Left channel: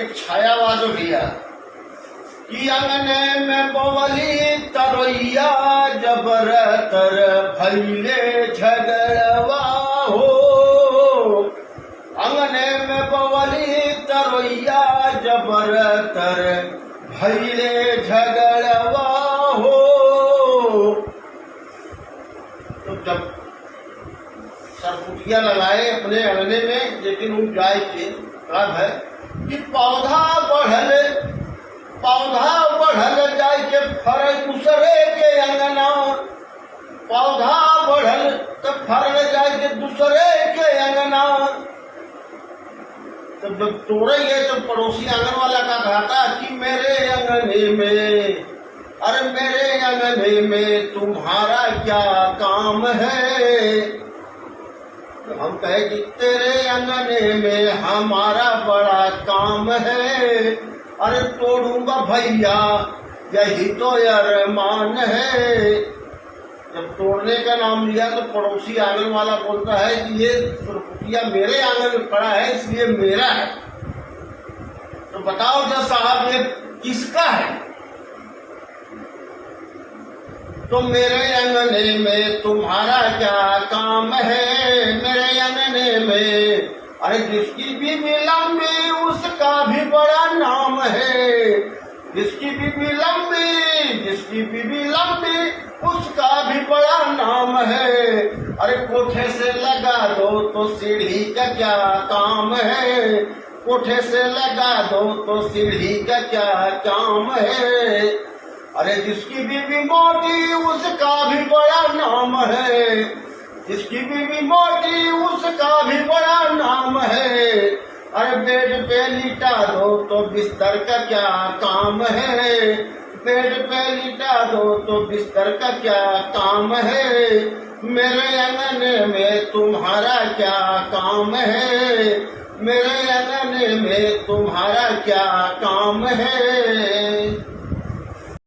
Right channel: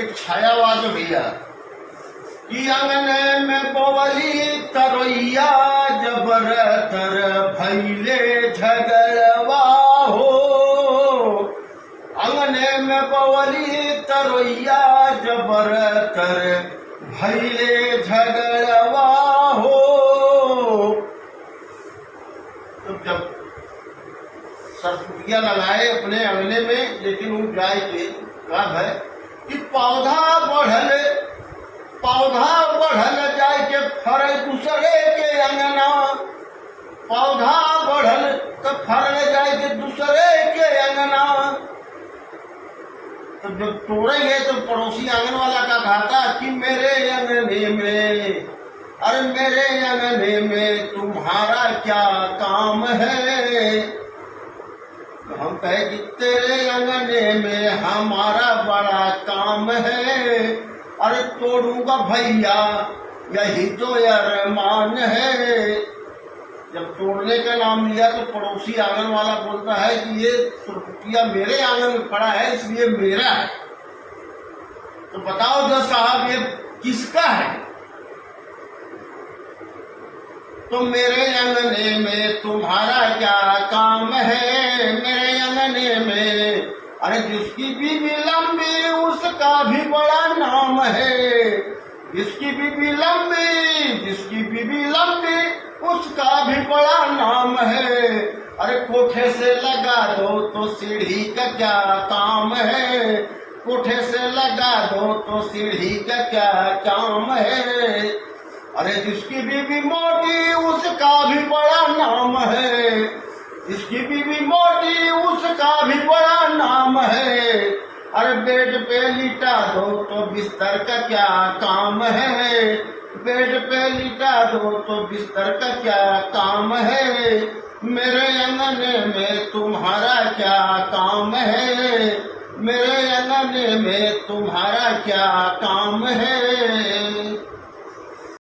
एक छायावाज भैया कि अंगने में बोवली तरैया जबर तर भैले झगड़वा हो। अंगने में बोवली तरैया जबर तर भैले झगड़वा हो। तो जब सरपुटिया लगाए अपने अंगने में, लेकिन उन गाय के अब है कि पौधा बढ़ल जाए के फर दूसरे के अंगना। पौधा बढ़ल तो फरल जाए के दूसरे के अंगना। तो जब तोड़ेंगे तो पड़ोसी आंगन वाला का कहता कि मेरे अंगने में, अरे मेरे अंगने में तुम्हारा क्या काम है। तो हम कहे कि तेरे अंगने में हमारा बड़ा काम है। अरे तोड़ूंगा भैया यही तो अरमान है। जब तोड़ने का नाम लिया तो पड़ोसी आंगन वाला बोलता है कि ये सुरपुटिया मेरे आंगन में खड़ा है इसलिए मेरा है। तो बताओ जो साहब ये किसका है। तो मेरे अंगने में तुम्हारा क्या काम है। मेरे अंगने में अरे जिसकी बीबी लंबी उसका भी बड़ा नाम है। जिसकी बीबी लंबी उसका भी बड़ा नाम है। अरे कोठे से लगा दो तो सीढ़ी का क्या काम है। कोठे से लगा दो तो सीढ़ी का क्या काम है। अरे जिसकी बीबी मोटी उसका भी बड़ा नाम है। जिसकी बीबी मोटी उसका भी बड़ा नाम है। अरे बेड पे लिटा दो तो बिस्तर का क्या काम है। बेड पे लिटा दो तो बिस्तर का क्या काम है। मेरे अंगने में तुम्हारा क्या काम है। मेरे अंगने में तुम्हारा क्या काम है।